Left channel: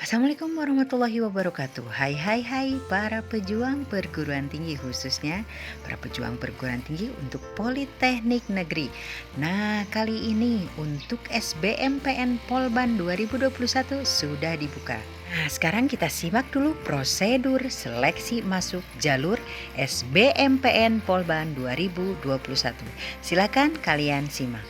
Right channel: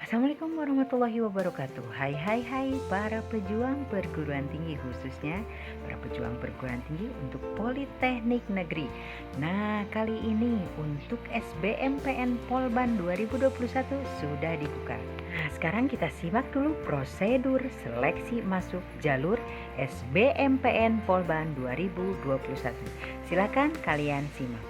Assalamualaikum warahmatullahi wabarakatuh. Hai hai hai para pejuang perguruan tinggi, khususnya para pejuang perguruan tinggi untuk Politeknik Negeri. Nah, kali ini untuk SBMPN Polban 2021 sudah dibuka. Nah, sekarang kita simak dulu prosedur seleksi masuk jalur SBMPN Polban 2021. Silakan kalian simak.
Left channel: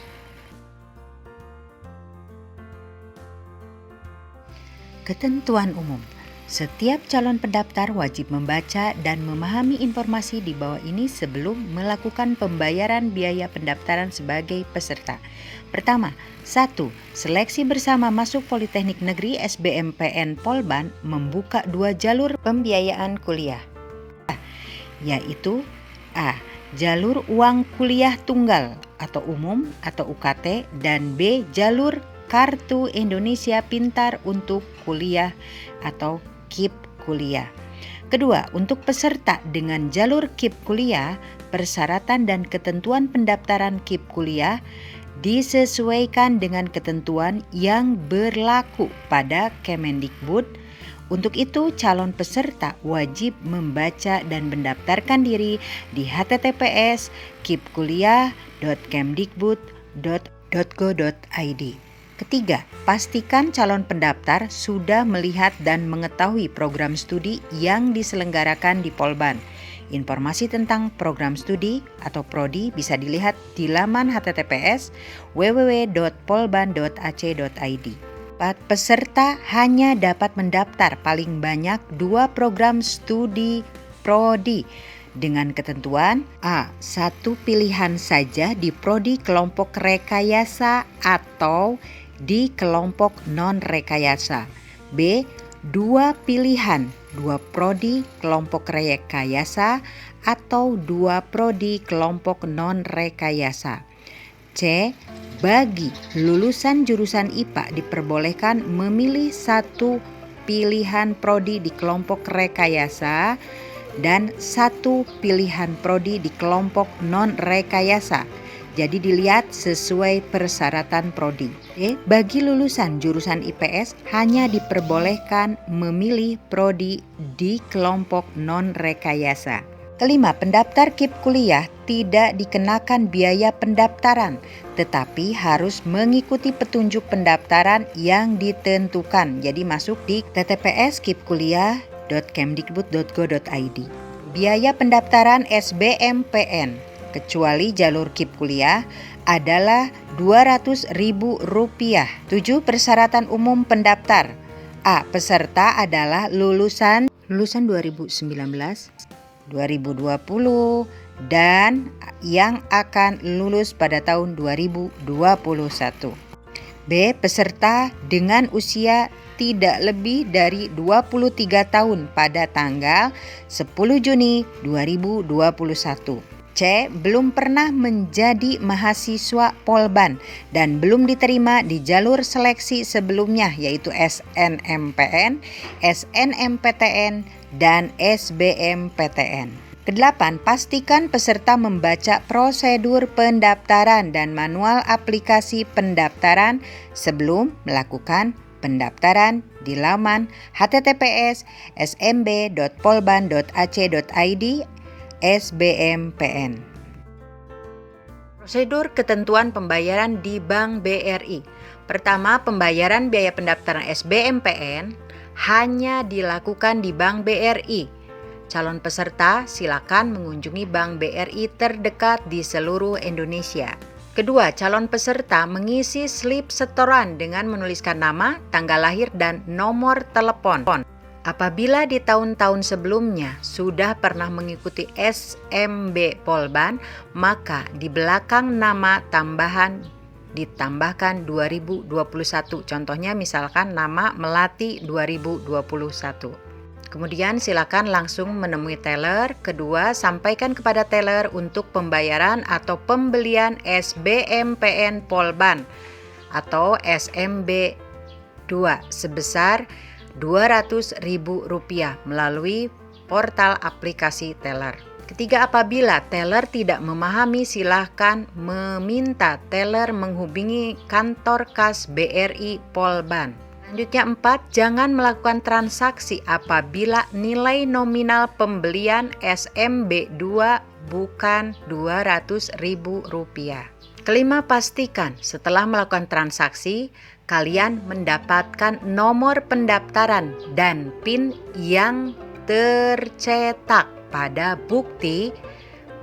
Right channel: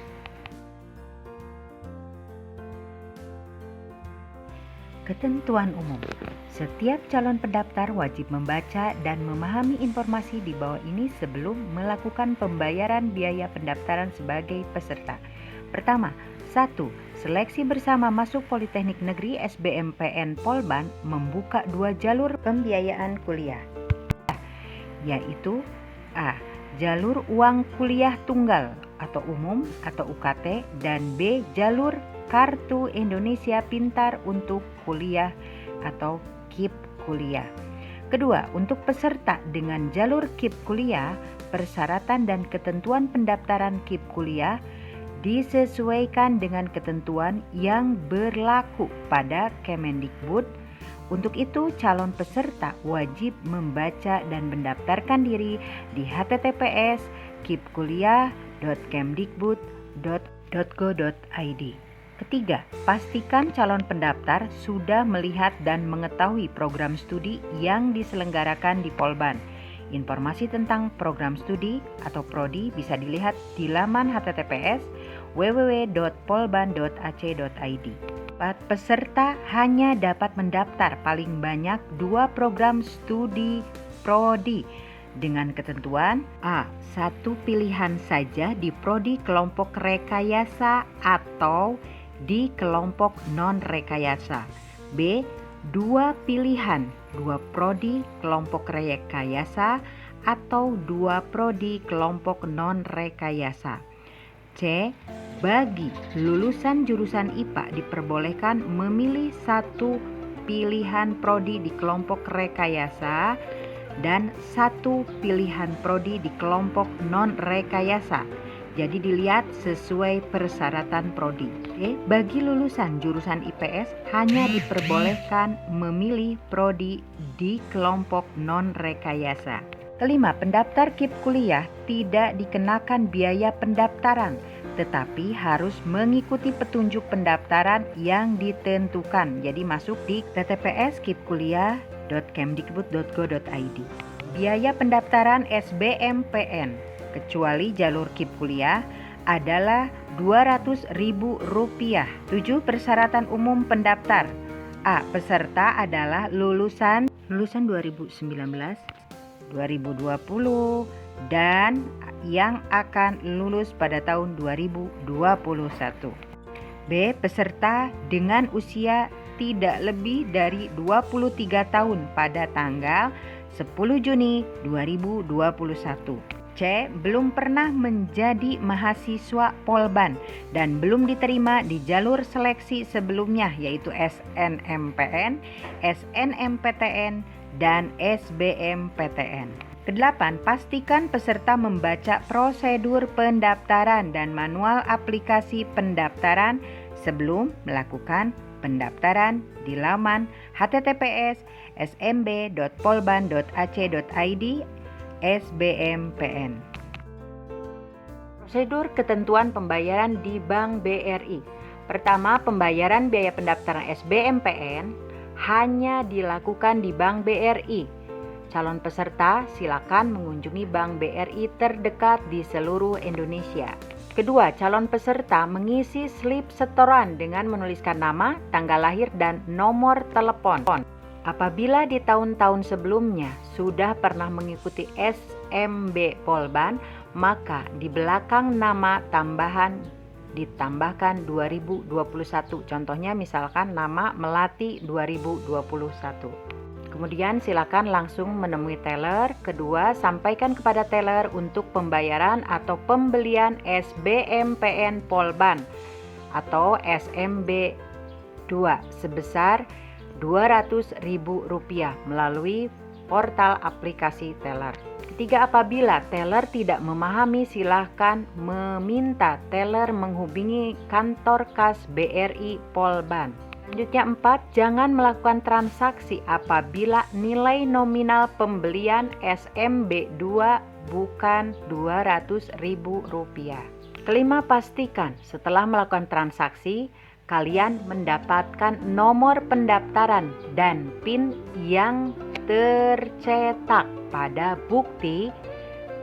Ketentuan umum. Setiap calon pendaftar wajib membaca dan memahami informasi di bawah ini sebelum melakukan pembayaran biaya pendaftaran sebagai peserta. Pertama, 1. Seleksi bersama masuk Politeknik Negeri SBMPN Polban membuka 2 jalur pembiayaan kuliah, yaitu A. Jalur uang kuliah tunggal atau umum atau UKT, dan B. Jalur Kartu Indonesia Pintar untuk kuliah atau KIP kuliah. Kedua, untuk peserta dengan jalur KIP kuliah, persyaratan dan ketentuan pendaftaran KIP kuliah disesuaikan dengan ketentuan yang berlaku pada Kemendikbud. Untuk itu, calon peserta wajib membaca dan mendaftarkan diri di https://kipkuliah.kemdikbud.go.id. Ketiga, pastikan calon pendaftar sudah melihat dan mengetahui program studi yang diselenggarakan di Polban. Informasi tentang program studi atau prodi bisa dilihat di laman https www.polban.ac.id. Peserta hanya dapat mendaftar paling banyak 2 program studi prodi dengan ketentuan A. Satu pilihan saja di prodi kelompok rekayasa atau di kelompok non-rekayasa. B. 2 pilihan, 2 prodi kelompok rekayasa atau 2 prodi kelompok non-rekayasa. C. Bagi lulusan jurusan IPA diperbolehkan memilih 1 pilihan prodi di kelompok rekayasa dan 1 pilihan prodi di kelompok non-rekayasa. Jadi dilihat sesuai persyaratan prodi. Bagi lulusan jurusan IPS hanya diperbolehkan memilih prodi di kelompok non-rekayasa. Kelima, pendaftar KIP kuliah tidak dikenakan biaya pendaftaran, tetapi harus mengikuti petunjuk pendaftaran yang ditentukan. Jadi masuk di https://kipkuliah.kemdikbud.go.id. Biaya pendaftaran SBMPN kecuali jalur KIP kuliah adalah Rp200.000. 7. Persyaratan umum pendaftar. A. Peserta adalah lulusan 2019, 2020 dan yang akan lulus pada tahun 2021. B. Peserta dengan usia tidak lebih dari 23 tahun pada tanggal 10 Juni 2021. C. Belum pernah menjadi mahasiswa Polban dan belum diterima di jalur seleksi sebelumnya, yaitu SNMPN, SNMPTN, dan SBMPTN. Kedelapan, pastikan peserta membaca prosedur pendaftaran dan manual aplikasi pendaftaran sebelum melakukan pendaftaran di laman https://smb.polban.ac.id SBMPN. Prosedur ketentuan pembayaran di Bank BRI. Pertama, pembayaran biaya pendaftaran SBMPN hanya dilakukan di Bank BRI. Calon peserta silakan mengunjungi Bank BRI terdekat di seluruh Indonesia. Kedua, calon peserta mengisi slip setoran dengan menuliskan nama, tanggal lahir, dan nomor telepon. Apabila di tahun-tahun sebelumnya sudah pernah mengikuti SMB Polban, maka di belakang nama tambahan ditambahkan 2021. Contohnya misalkan nama Melati 2021. Kemudian silakan langsung menemui teller. Kedua, sampaikan kepada teller untuk pembayaran atau pembelian SBMPN Polban atau SMB 2 sebesar Rp200.000 melalui portal aplikasi teller. Ketiga, apabila teller tidak memahami, silakan meminta teller menghubungi kantor kas BRI Polban. Selanjutnya 4, jangan melakukan transaksi apabila nilai nominal pembelian SMB2 bukan Rp200.000. Kelima, pastikan setelah melakukan transaksi, kalian mendapatkan nomor pendaftaran dan PIN yang tercetak pada bukti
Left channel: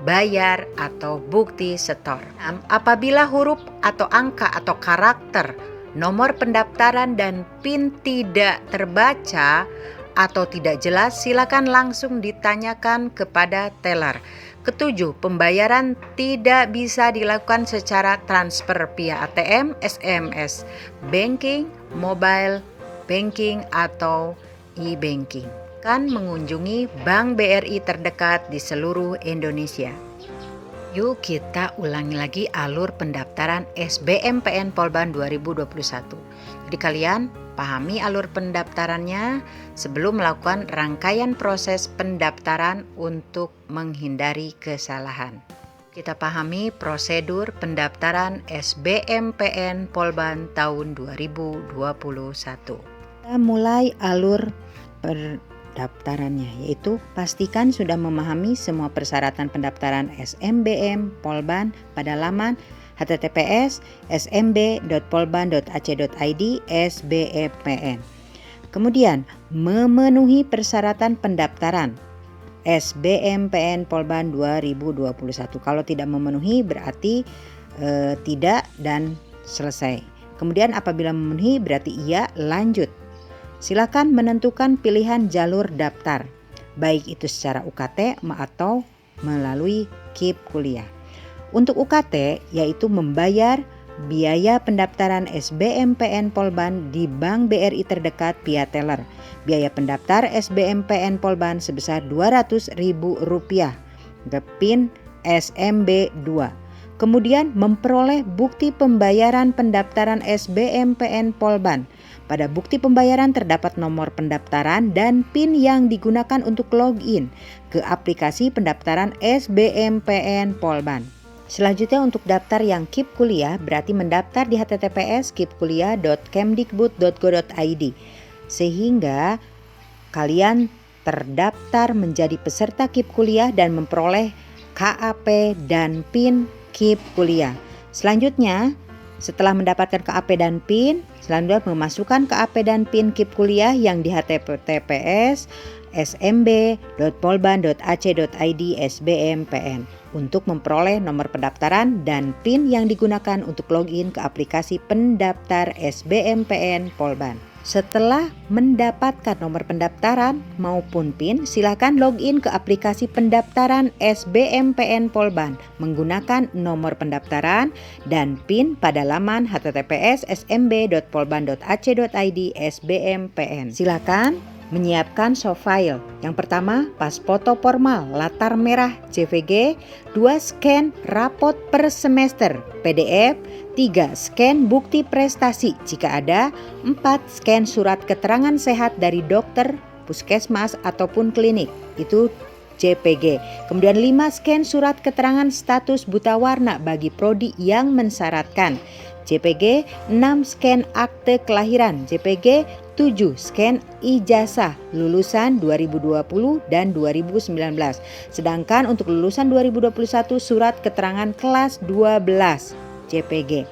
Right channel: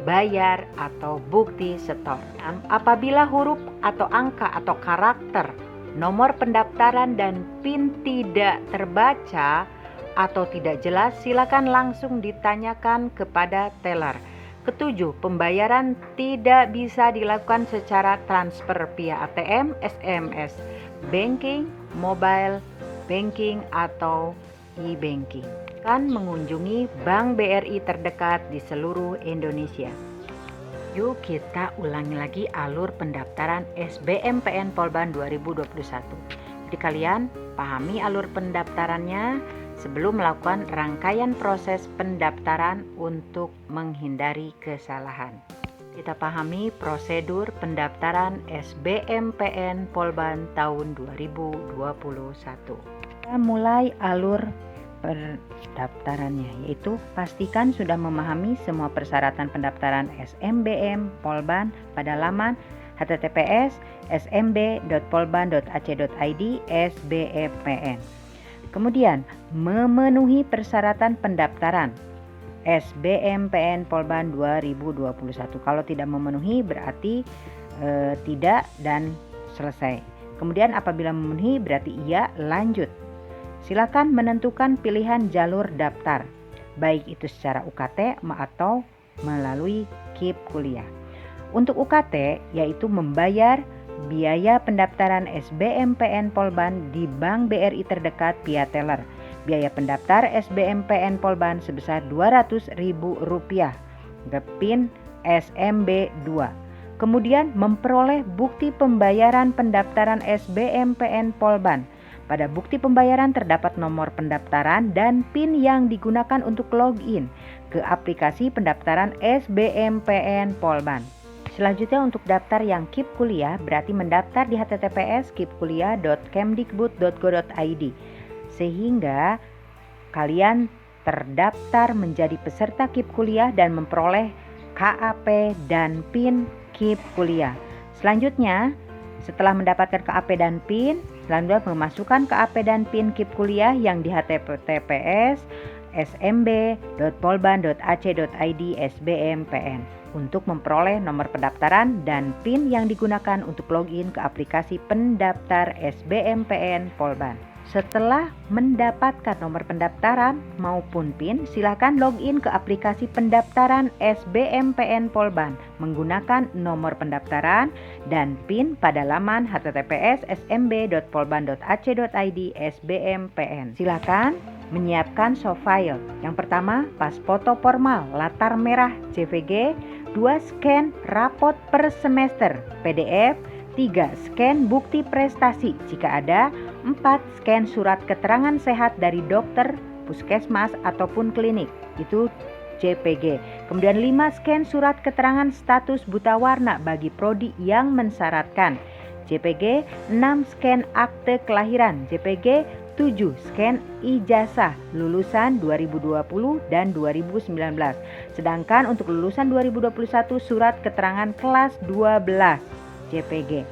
bayar atau bukti setor. Apabila huruf atau angka atau karakter nomor pendaftaran dan PIN tidak terbaca atau tidak jelas, silakan langsung ditanyakan kepada teller. Ketujuh, pembayaran tidak bisa dilakukan secara transfer via ATM, SMS, banking, mobile banking, atau e-banking. Kan mengunjungi Bank BRI terdekat di seluruh Indonesia. Yuk kita ulangi lagi alur pendaftaran SBMPN Polban 2021. Jadi kalian pahami alur pendaftarannya sebelum melakukan rangkaian proses pendaftaran untuk menghindari kesalahan. Kita pahami prosedur pendaftaran SBMPN Polban tahun 2021. Kita mulai alur pendaftarannya, yaitu pastikan sudah memahami semua persyaratan pendaftaran SMBM Polban pada laman https://smb.polban.ac.id SBMPN. Kemudian memenuhi persyaratan pendaftaran SBMPN Polban 2021. Kalau tidak memenuhi berarti tidak dan selesai. Kemudian apabila memenuhi berarti iya, lanjut. Silakan menentukan pilihan jalur daftar, baik itu secara UKT atau melalui KIP kuliah. Untuk UKT yaitu membayar biaya pendaftaran SBMPN Polban di Bank BRI terdekat via teller. Biaya pendaftar SBMPN Polban sebesar Rp200.000 untuk PIN SMB2. Kemudian memperoleh bukti pembayaran pendaftaran SBMPN Polban. Pada bukti pembayaran terdapat nomor pendaftaran dan PIN yang digunakan untuk login ke aplikasi pendaftaran SBMPN Polban. Selanjutnya untuk daftar yang KIP kuliah berarti mendaftar di https://kipkuliah.kemdikbud.go.id sehingga kalian terdaftar menjadi peserta KIP kuliah dan memperoleh KAP dan PIN KIP kuliah. Selanjutnya setelah mendapatkan KAP dan PIN, selanjutnya memasukkan KAP dan PIN KIP kuliah yang di https://smb.polban.ac.id SBMPN untuk memperoleh nomor pendaftaran dan PIN yang digunakan untuk login ke aplikasi pendaftar SBMPN Polban. Setelah mendapatkan nomor pendaftaran maupun PIN, silakan login ke aplikasi pendaftaran SBMPN Polban menggunakan nomor pendaftaran dan PIN pada laman https://smb.polban.ac.id SBMPN. Silakan menyiapkan soft file. Yang pertama, pas foto formal latar merah JPG, 2 scan rapot per semester PDF, 3 scan bukti prestasi jika ada, 4 scan surat keterangan sehat dari dokter, puskesmas ataupun klinik, itu JPG. Kemudian 5 scan surat keterangan status buta warna bagi prodi yang mensyaratkan, JPG. 6 scan akte kelahiran, JPG. 7 scan ijazah lulusan 2020 dan 2019. Sedangkan untuk lulusan 2021 surat keterangan kelas 12 JPG.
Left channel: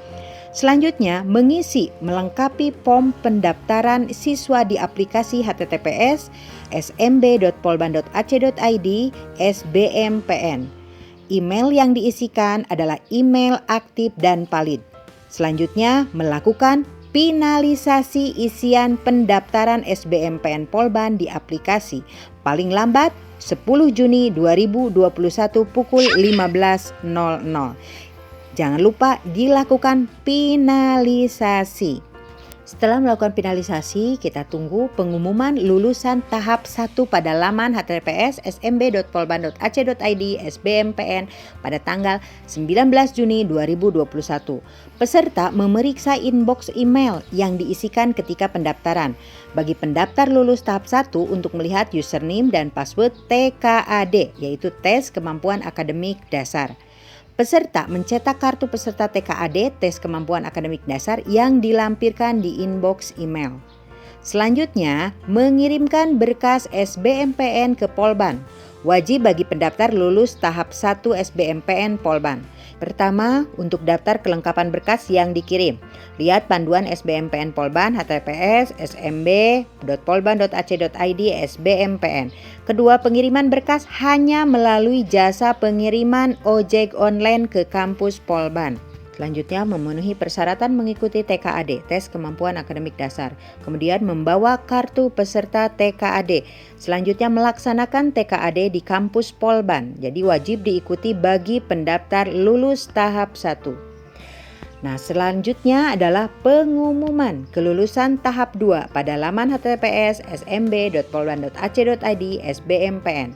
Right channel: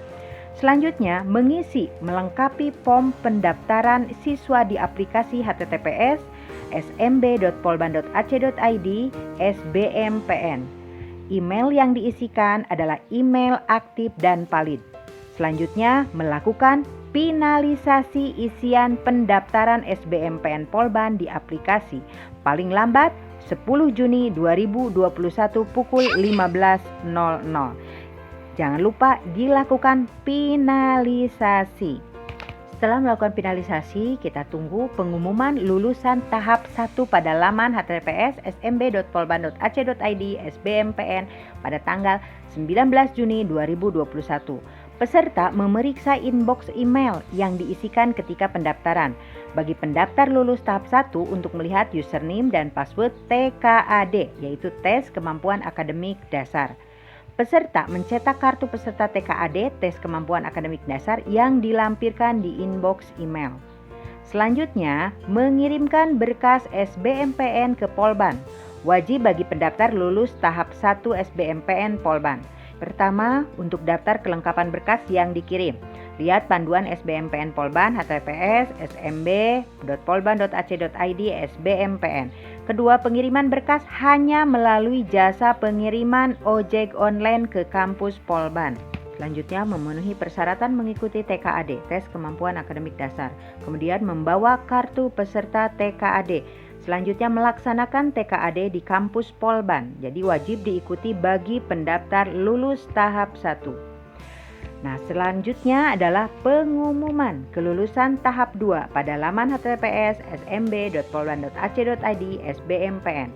Selanjutnya mengisi melengkapi form pendaftaran siswa di aplikasi https://smb.polban.ac.id SBMPN. Email yang diisikan adalah email aktif dan valid. Selanjutnya melakukan finalisasi isian pendaftaran SBMPN Polban di aplikasi paling lambat 10 Juni 2021 pukul 15.00. Jangan lupa dilakukan finalisasi. Setelah melakukan finalisasi, kita tunggu pengumuman lulusan tahap 1 pada laman https://smb.polban.ac.id SBMPN pada tanggal 19 Juni 2021. Peserta memeriksa inbox email yang diisikan ketika pendaftaran. Bagi pendaftar lulus tahap 1 untuk melihat username dan password TKAD, yaitu tes kemampuan akademik dasar. Peserta mencetak kartu peserta TKAD tes kemampuan akademik dasar yang dilampirkan di inbox email. Selanjutnya, mengirimkan berkas SBMPN ke Polban. Wajib bagi pendaftar lulus tahap 1 SBMPN Polban. Pertama, untuk daftar kelengkapan berkas yang dikirim. Lihat panduan SBMPN Polban https smb.polban.ac.id SBMPN. Kedua, pengiriman berkas hanya melalui jasa pengiriman ojek online ke kampus Polban. Selanjutnya, memenuhi persyaratan mengikuti TKAD, tes kemampuan akademik dasar. Kemudian membawa kartu peserta TKAD. Selanjutnya melaksanakan TKAD di kampus Polban. Jadi wajib diikuti bagi pendaftar lulus tahap 1. Nah, selanjutnya adalah pengumuman kelulusan tahap 2 pada laman https smb.polban.ac.id SBMPN.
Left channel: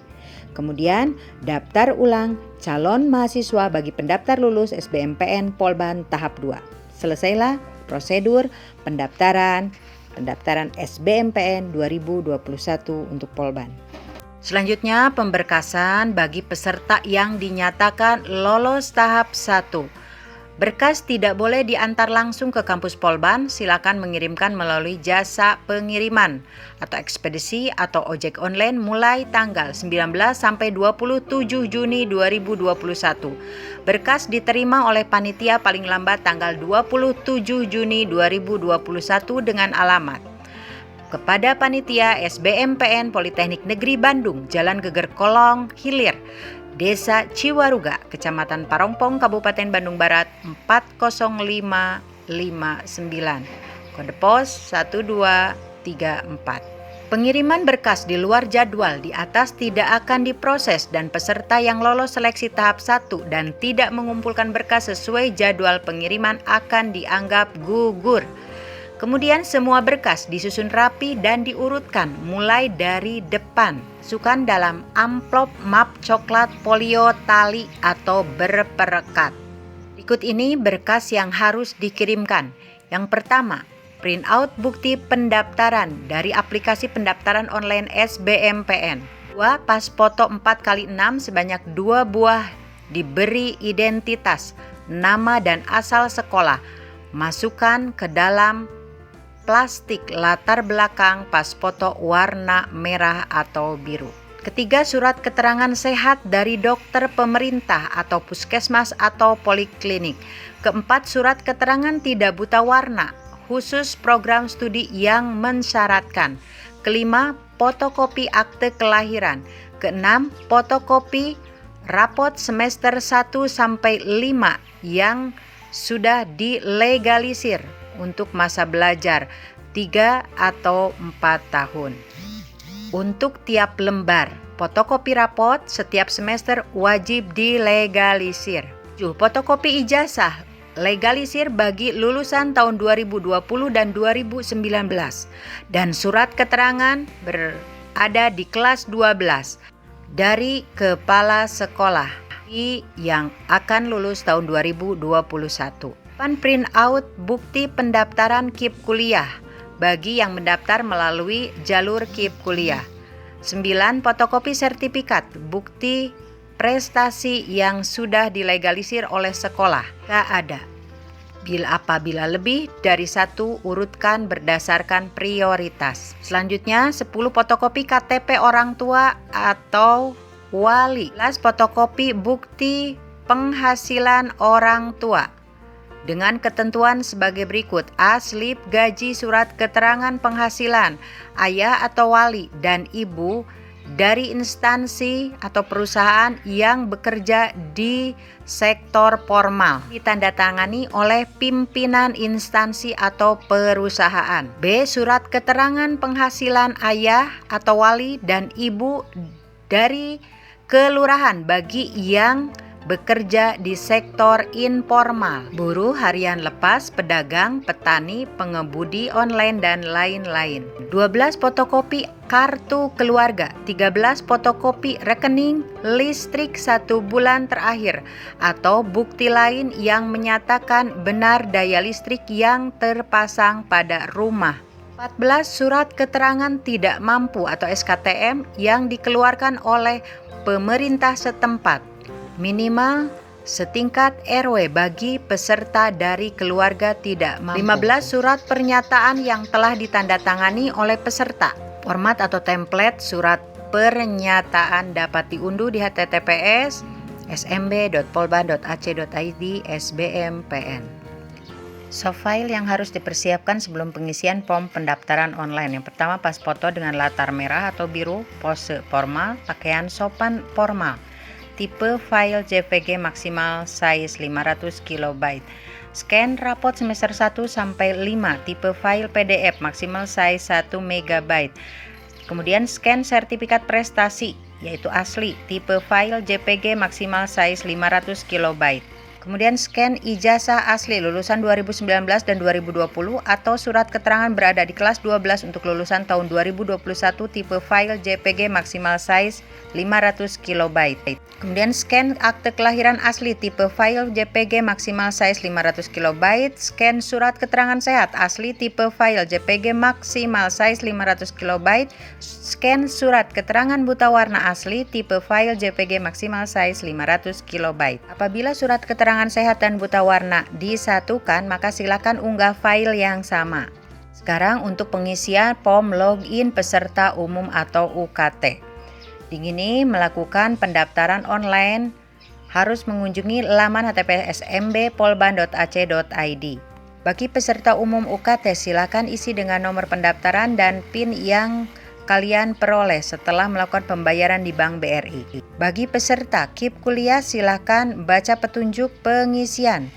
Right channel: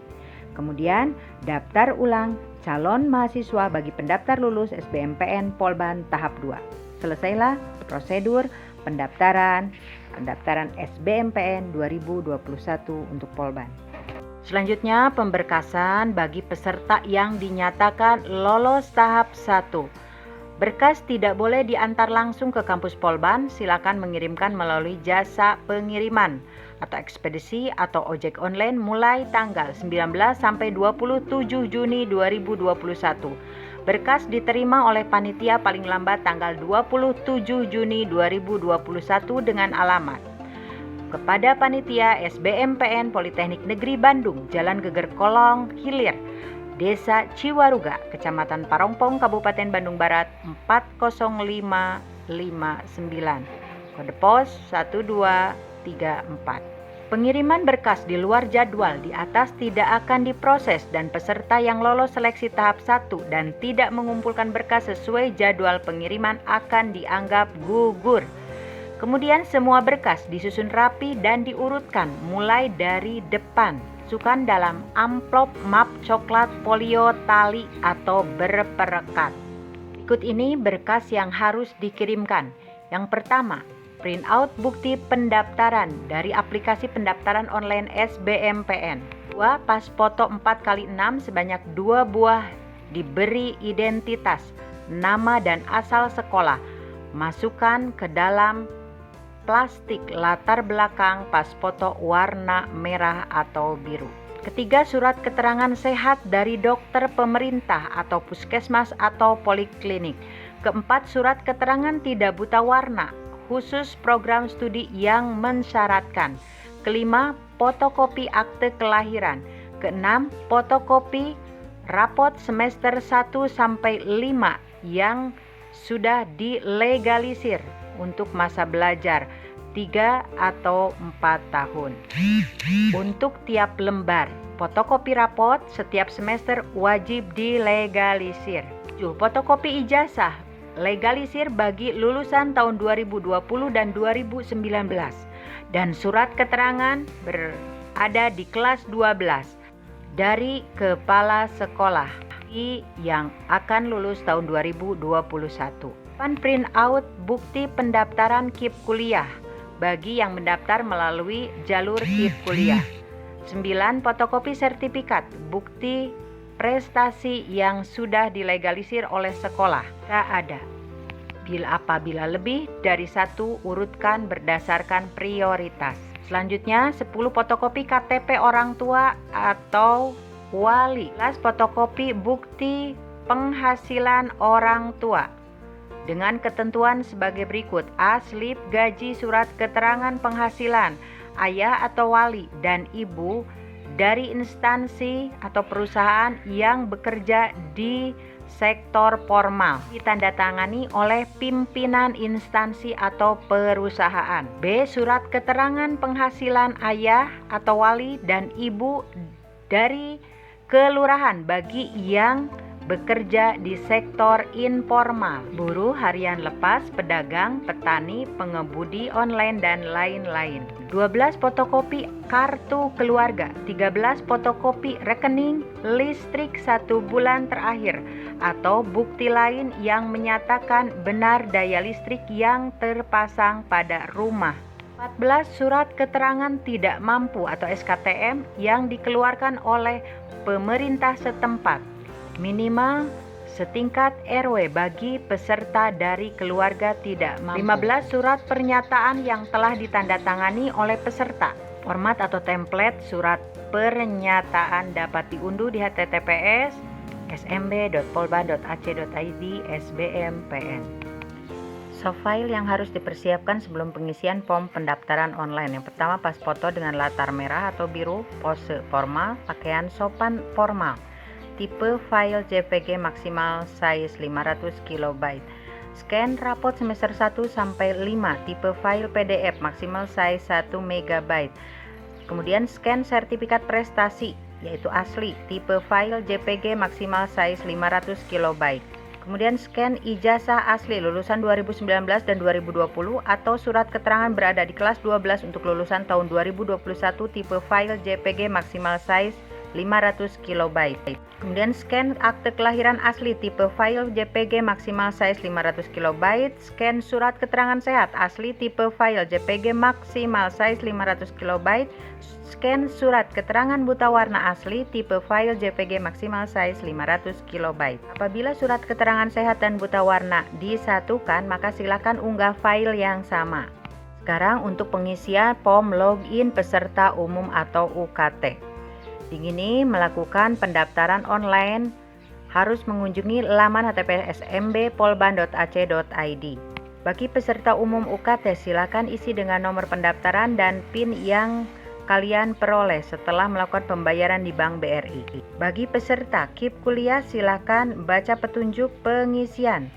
Kemudian, daftar ulang calon mahasiswa bagi pendaftar lulus SBMPN Polban tahap 2. Selesailah prosedur pendaftaran SBMPN 2021 untuk Polban. Selanjutnya, pemberkasan bagi peserta yang dinyatakan lolos tahap 1. Berkas tidak boleh diantar langsung ke kampus Polban, silakan mengirimkan melalui jasa pengiriman atau ekspedisi atau ojek online mulai tanggal 19 sampai 27 Juni 2021. Berkas diterima oleh panitia paling lambat tanggal 27 Juni 2021 dengan alamat kepada Panitia SBMPN Politeknik Negeri Bandung, Jalan Geger Kolong Hilir, Desa Ciwaruga, Kecamatan Parongpong, Kabupaten Bandung Barat 40559. Kode pos 1234. Pengiriman berkas di luar jadwal di atas tidak akan diproses dan peserta yang lolos seleksi tahap 1 dan tidak mengumpulkan berkas sesuai jadwal pengiriman akan dianggap gugur. Kemudian semua berkas disusun rapi dan diurutkan mulai dari depan. Masukkan dalam amplop map coklat folio tali atau berperekat. Berikut ini berkas yang harus dikirimkan. Yang pertama, print out bukti pendaftaran dari aplikasi pendaftaran online SBMPN. 2. Pas foto 4x6 sebanyak 2 buah diberi identitas, nama dan asal sekolah. Masukkan ke dalam plastik latar belakang pas foto warna merah atau biru. Ketiga, surat keterangan sehat dari dokter pemerintah atau puskesmas atau poliklinik. Keempat, surat keterangan tidak buta warna khusus program studi yang mensyaratkan. Kelima, fotokopi akte kelahiran. Keenam, fotokopi rapot semester 1 sampai 5 yang sudah dilegalisir untuk masa belajar 3 atau 4 tahun. Untuk tiap lembar fotokopi rapot setiap semester wajib dilegalisir. 7. Fotokopi ijazah legalisir bagi lulusan tahun 2020 dan 2019 dan surat keterangan berada di kelas 12 dari kepala sekolah yang akan lulus tahun 2021. Print out bukti pendaftaran KIP kuliah bagi yang mendaftar melalui jalur KIP kuliah. 9. Fotokopi sertifikat bukti prestasi yang sudah dilegalisir oleh sekolah. Jika ada. Apabila lebih dari 1, urutkan berdasarkan prioritas. Selanjutnya, 10 fotokopi KTP orang tua atau wali. 11 fotokopi bukti penghasilan orang tua dengan ketentuan sebagai berikut. A. Slip gaji surat keterangan penghasilan ayah atau wali dan ibu dari instansi atau perusahaan yang bekerja di sektor formal, ditandatangani oleh pimpinan instansi atau perusahaan. B. Surat keterangan penghasilan ayah atau wali dan ibu dari kelurahan bagi yang bekerja di sektor informal, buruh harian lepas, pedagang, petani, pengemudi online, dan lain-lain. 12 fotokopi kartu keluarga, 13 fotokopi rekening listrik 1 bulan terakhir, atau bukti lain yang menyatakan benar daya listrik yang terpasang pada rumah. 14 surat keterangan tidak mampu atau SKTM yang dikeluarkan oleh pemerintah setempat. Minimal setingkat RW bagi peserta dari keluarga tidak mampu. 15 surat pernyataan yang telah ditandatangani oleh peserta. Format atau template surat pernyataan dapat diunduh di https smb.polban.ac.id/sbmpn. Soft file yang harus dipersiapkan sebelum pengisian form pendaftaran online. Yang pertama, pas foto dengan latar merah atau biru, pose formal, pakaian sopan formal. Tipe file JPG maksimal size 500 KB. Scan rapot semester 1 sampai 5, tipe file PDF maksimal size 1 MB. Kemudian scan sertifikat prestasi yaitu asli, tipe file JPG maksimal size 500 KB. Kemudian scan ijazah asli lulusan 2019 dan 2020 atau surat keterangan berada di kelas 12 untuk lulusan tahun 2021, tipe file JPG maksimal size 500 KB. Kemudian scan akte kelahiran asli, tipe file JPG maksimal size 500 KB. Scan surat keterangan sehat asli, tipe file JPG maksimal size 500 KB. Scan surat keterangan buta warna asli, tipe file JPG maksimal size 500 KB. Apabila surat keterangan sehat dan buta warna disatukan, maka silakan unggah file yang sama. Sekarang untuk pengisian form login peserta umum atau UKT. Ingin melakukan pendaftaran online harus mengunjungi laman https smb.polban.ac.id. Bagi peserta umum UKT, silakan isi dengan nomor pendaftaran dan PIN yang kalian peroleh setelah melakukan pembayaran di Bank BRI. Bagi peserta KIP kuliah, silakan baca petunjuk pengisian.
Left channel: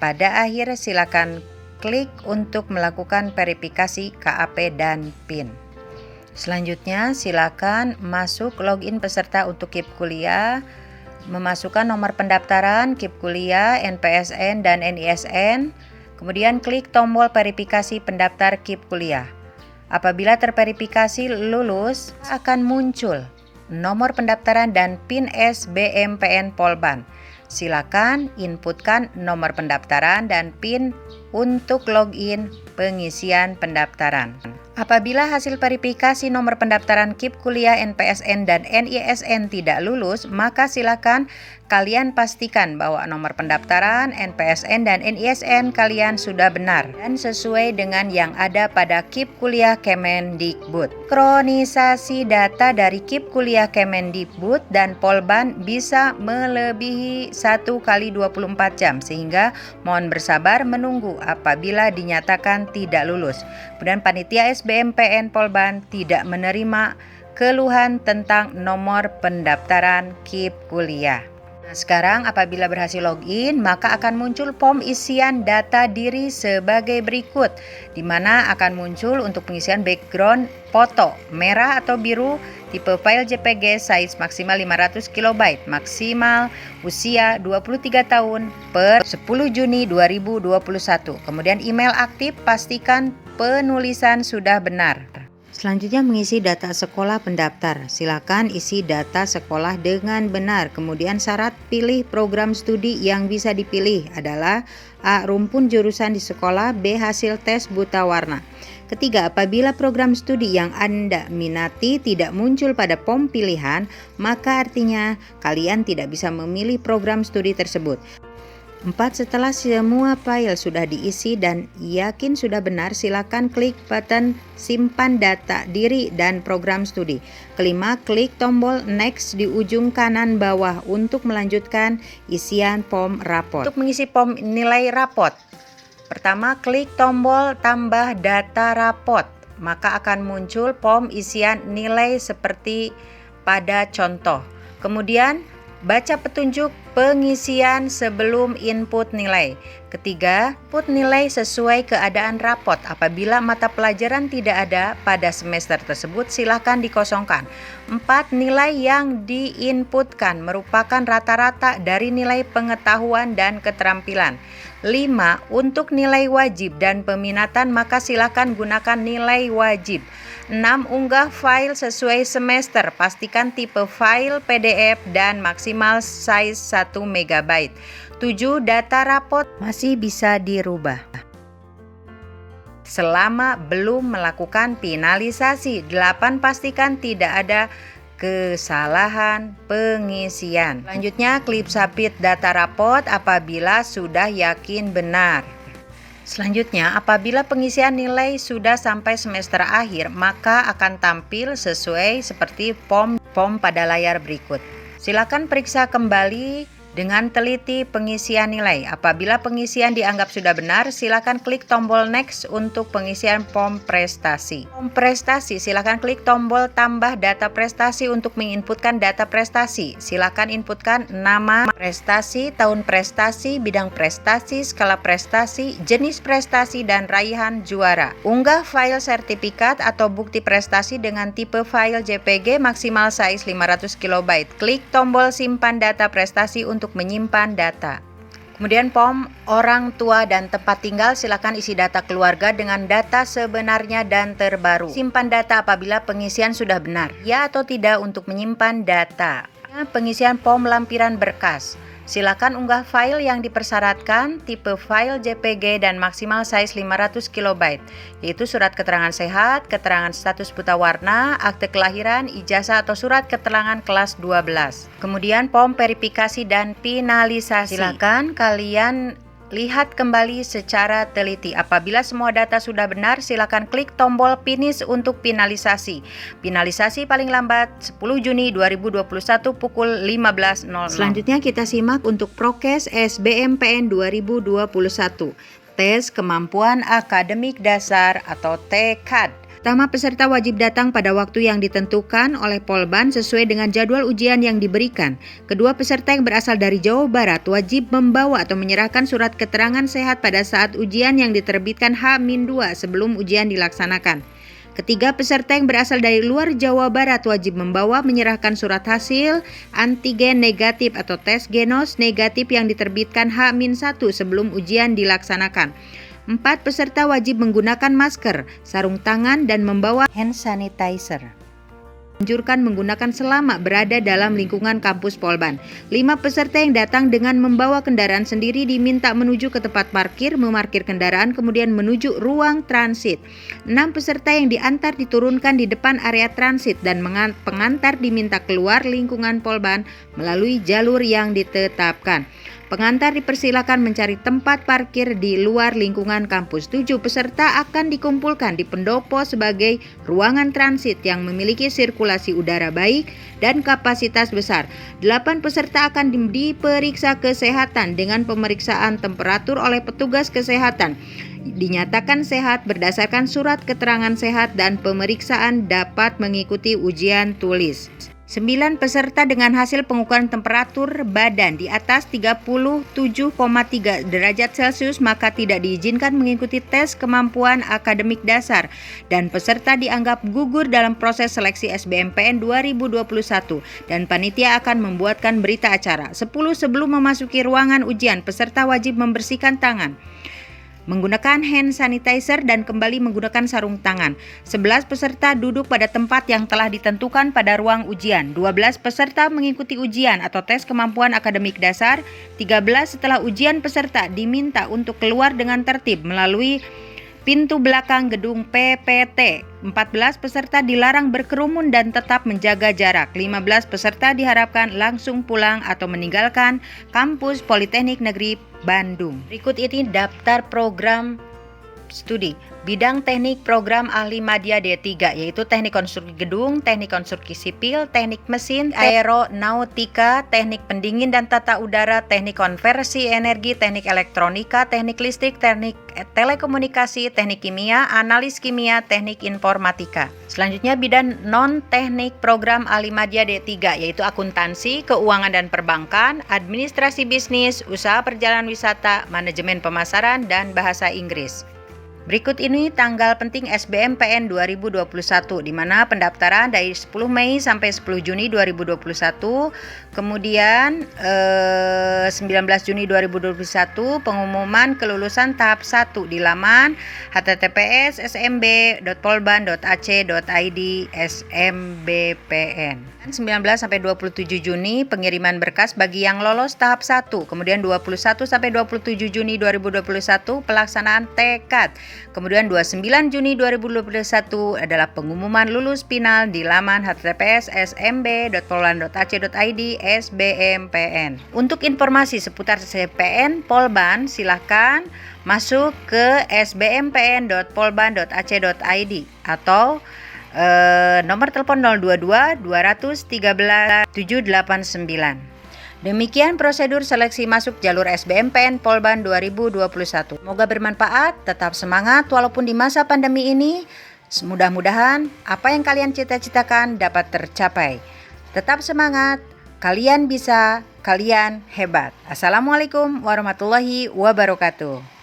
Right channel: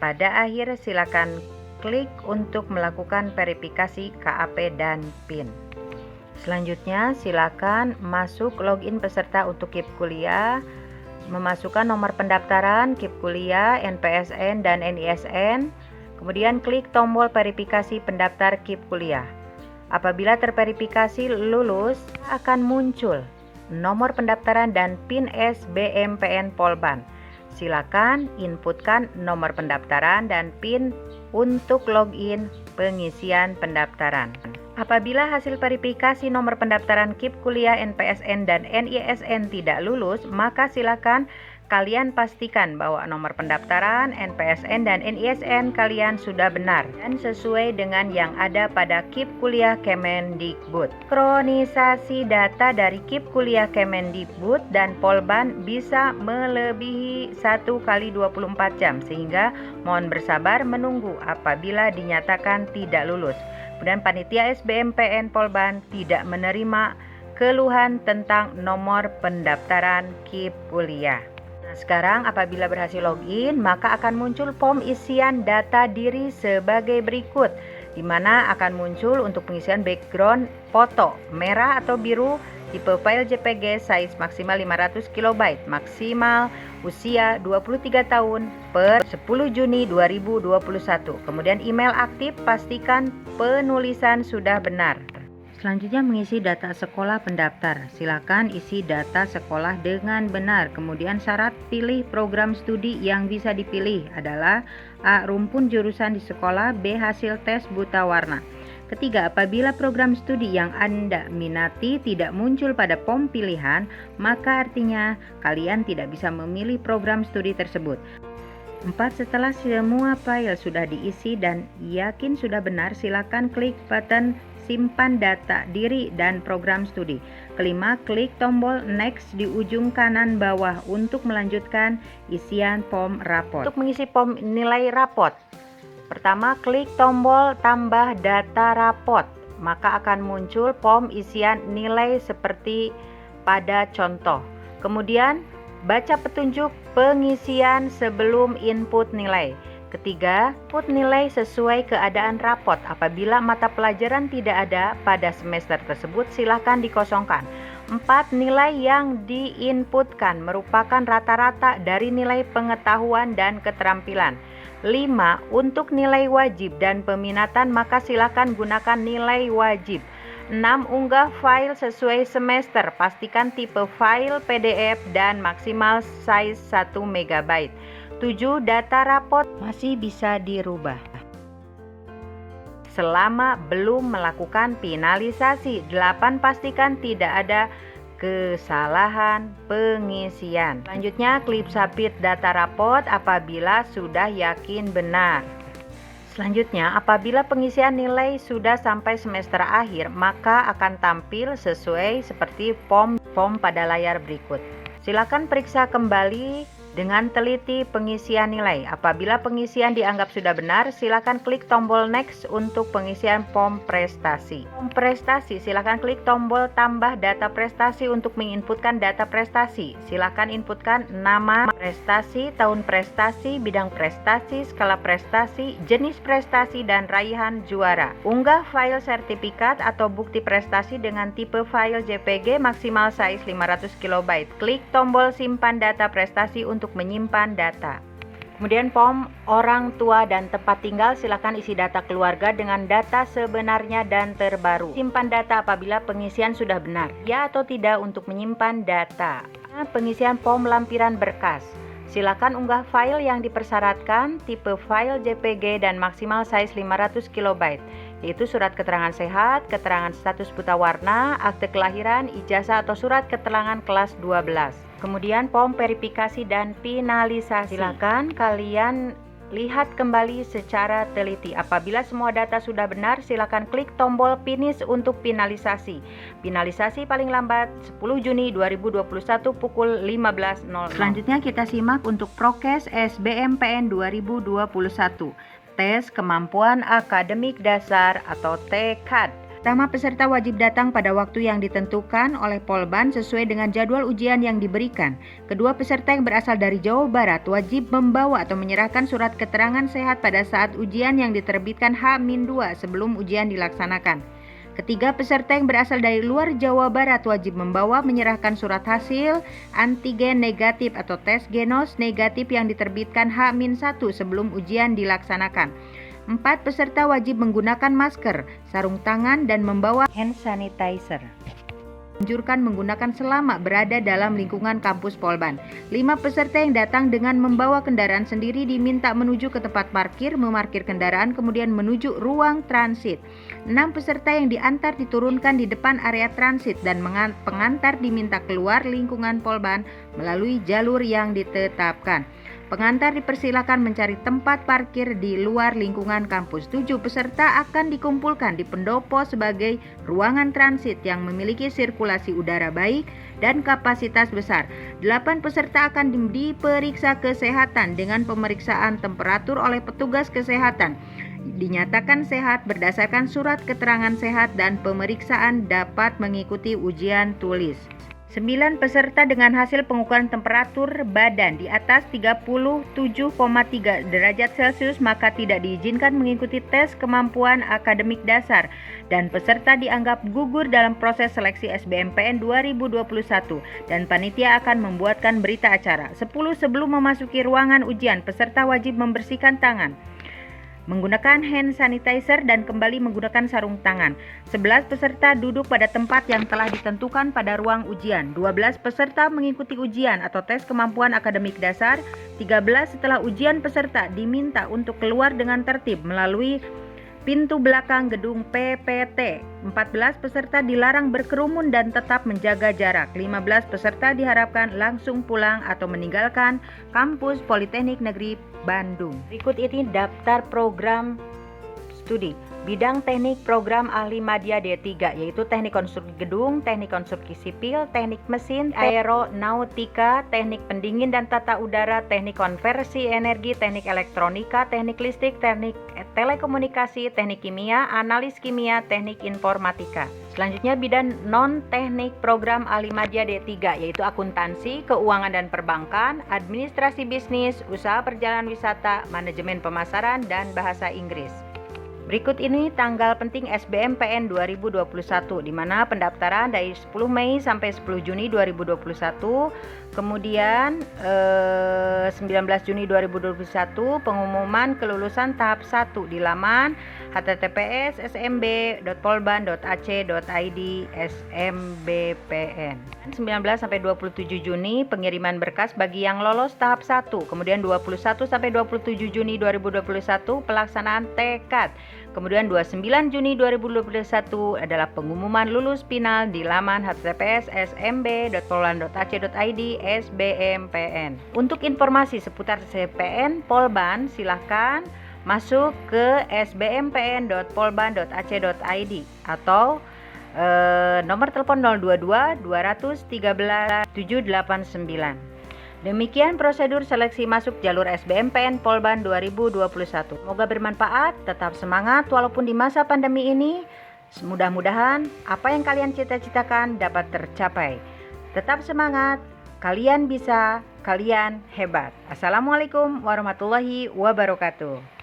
Pada akhir silakan klik untuk melakukan verifikasi KAP dan PIN. Selanjutnya silakan masuk login peserta untuk KIP kuliah, memasukkan nomor pendaftaran, KIP kuliah, NPSN dan NISN, kemudian klik tombol verifikasi pendaftar KIP kuliah. Apabila terverifikasi lulus, akan muncul nomor pendaftaran dan PIN SBMPN Polban. Silakan inputkan nomor pendaftaran dan PIN untuk login pengisian pendaftaran. Apabila hasil verifikasi nomor pendaftaran KIP kuliah, NPSN dan NISN tidak lulus, maka silakan kalian pastikan bahwa nomor pendaftaran, NPSN dan NISN kalian sudah benar dan sesuai dengan yang ada pada KIP kuliah Kemendikbud. Kronisasi data dari KIP kuliah Kemendikbud dan Polban bisa melebihi 1 kali 24 jam, sehingga mohon bersabar menunggu apabila dinyatakan tidak lulus. Kemudian panitia SBMPN Polban tidak menerima keluhan tentang nomor pendaftaran KIP kuliah. Sekarang apabila berhasil login, maka akan muncul form isian data diri sebagai berikut, di mana akan muncul untuk pengisian background foto merah atau biru, tipe file JPG size maksimal 500 KB, maksimal usia 23 tahun per 10 Juni 2021. Kemudian email aktif, pastikan penulisan sudah benar. Selanjutnya mengisi data sekolah pendaftar. Silakan isi data sekolah dengan benar. Kemudian syarat pilih program studi yang bisa dipilih adalah A. Rumpun jurusan di sekolah, B. Hasil tes buta warna. Ketiga, apabila program studi yang Anda minati tidak muncul pada form pilihan, maka artinya kalian tidak bisa memilih program studi tersebut. 4. Setelah semua file sudah diisi dan yakin sudah benar, silakan klik button simpan data diri dan program studi. Kelima, klik tombol next di ujung kanan bawah untuk melanjutkan isian form rapot. Untuk mengisi form nilai rapot, pertama klik tombol tambah data rapot, maka akan muncul form isian nilai seperti pada contoh. Kemudian baca petunjuk pengisian sebelum input nilai. Ketiga, input nilai sesuai keadaan rapot. Apabila mata pelajaran tidak ada pada semester tersebut, silakan dikosongkan. 4. Nilai yang diinputkan merupakan rata-rata dari nilai pengetahuan dan keterampilan. 5. Untuk nilai wajib dan peminatan, maka silakan gunakan nilai wajib. 6. Unggah file sesuai semester, pastikan tipe file PDF dan maksimal size 1 MB. 7. Data rapot masih bisa dirubah selama belum melakukan finalisasi. 8. Pastikan tidak ada kesalahan pengisian. Selanjutnya, klik submit data raport apabila sudah yakin benar. Selanjutnya, apabila pengisian nilai sudah sampai semester akhir, maka akan tampil sesuai seperti form pada layar berikut. Silakan periksa kembali dengan teliti pengisian nilai. Apabila pengisian dianggap sudah benar, silakan klik tombol next untuk pengisian form prestasi. Form prestasi, silakan klik tombol tambah data prestasi untuk menginputkan data prestasi. Silakan inputkan nama prestasi, tahun prestasi, bidang prestasi, skala prestasi, jenis prestasi, dan raihan juara. Unggah file sertifikat atau bukti prestasi dengan tipe file JPG maksimal size 500 KB. Klik tombol simpan data prestasi untuk menyimpan data. Kemudian form orang tua dan tempat tinggal, silakan isi data keluarga dengan data sebenarnya dan terbaru. Simpan data apabila pengisian sudah benar, ya atau tidak untuk menyimpan data. Pengisian form lampiran berkas. Silakan unggah file yang dipersyaratkan, tipe file JPG dan maksimal size 500 KB, yaitu surat keterangan sehat, keterangan status buta warna, akte kelahiran, ijazah atau surat keterangan kelas 12. Kemudian form verifikasi dan finalisasi. Silakan kalian lihat kembali secara teliti. Apabila semua data sudah benar, silakan klik tombol finish untuk finalisasi. Finalisasi paling lambat 10 Juni 2021 pukul 15.00. Selanjutnya kita simak untuk Prokes SBMPN 2021. Tes Kemampuan Akademik Dasar atau TKAD. Pertama, peserta wajib datang pada waktu yang ditentukan oleh Polban sesuai dengan jadwal ujian yang diberikan. Kedua, peserta yang berasal dari Jawa Barat wajib membawa atau menyerahkan surat keterangan sehat pada saat ujian yang diterbitkan H-2 sebelum ujian dilaksanakan. Ketiga, peserta yang berasal dari luar Jawa Barat wajib membawa menyerahkan surat hasil antigen negatif atau tes genos negatif yang diterbitkan H-1 sebelum ujian dilaksanakan. 4. Peserta wajib menggunakan masker, sarung tangan, dan membawa hand sanitizer. Anjurkan menggunakan selama berada dalam lingkungan kampus Polban. 5. Peserta yang datang dengan membawa kendaraan sendiri diminta menuju ke tempat parkir, memarkir kendaraan, kemudian menuju ruang transit. 6. Peserta yang diantar diturunkan di depan area transit dan pengantar diminta keluar lingkungan Polban melalui jalur yang ditetapkan. Pengantar dipersilakan mencari tempat parkir di luar lingkungan kampus. 7. Peserta akan dikumpulkan di pendopo sebagai ruangan transit yang memiliki sirkulasi udara baik dan kapasitas besar. 8. Peserta akan diperiksa kesehatan dengan pemeriksaan temperatur oleh petugas kesehatan. Dinyatakan sehat berdasarkan surat keterangan sehat dan pemeriksaan dapat mengikuti ujian tulis. 9. Peserta dengan hasil pengukuran temperatur badan di atas 37,3 derajat Celcius maka tidak diizinkan mengikuti tes kemampuan akademik dasar dan peserta dianggap gugur dalam proses seleksi SBMPN 2021 dan panitia akan membuatkan berita acara. 10. Sebelum memasuki ruangan ujian, peserta wajib membersihkan tangan, menggunakan hand sanitizer dan kembali menggunakan sarung tangan. 11. Peserta duduk pada tempat yang telah ditentukan pada ruang ujian. 12. Peserta mengikuti ujian atau tes kemampuan akademik dasar. 13. Setelah ujian, peserta diminta untuk keluar dengan tertib melalui pintu belakang gedung PPT. 14. Peserta dilarang berkerumun dan tetap menjaga jarak. 15. Peserta diharapkan langsung pulang atau meninggalkan kampus Politeknik Negeri Bandung. Berikut ini daftar program studi. Bidang teknik program ahli madya D3 yaitu teknik konstruksi gedung, teknik konstruksi sipil, teknik mesin, aeronautika, teknik pendingin dan tata udara, teknik konversi energi, teknik elektronika, teknik listrik, teknik telekomunikasi, teknik kimia, analis kimia, teknik informatika. Selanjutnya bidang non-teknik program ahli madya D3 yaitu akuntansi, keuangan dan perbankan, administrasi bisnis, usaha perjalanan wisata, manajemen pemasaran, dan bahasa Inggris. Berikut ini tanggal penting SBMPN 2021 di mana pendaftaran dari 10 Mei sampai 10 Juni 2021, kemudian 19 Juni 2021 pengumuman kelulusan tahap 1 di laman https://smb.polban.ac.id SMBPN. 19 sampai 27 Juni pengiriman berkas bagi yang lolos tahap 1, kemudian 21 sampai 27 Juni 2021 pelaksanaan TKAD Kemudian 29 Juni 2021 adalah pengumuman lulus final di laman https://smb.polban.ac.id SBMPN. Untuk informasi seputar CPN Polban silahkan masuk ke sbmpn.polban.ac.id atau nomor telepon 022 213 789. Demikian prosedur seleksi masuk jalur SBMPN Polban 2021. Semoga bermanfaat, tetap semangat walaupun di masa pandemi ini. Mudah-mudahan apa yang kalian cita-citakan dapat tercapai. Tetap semangat, kalian bisa, kalian hebat. Assalamualaikum warahmatullahi wabarakatuh.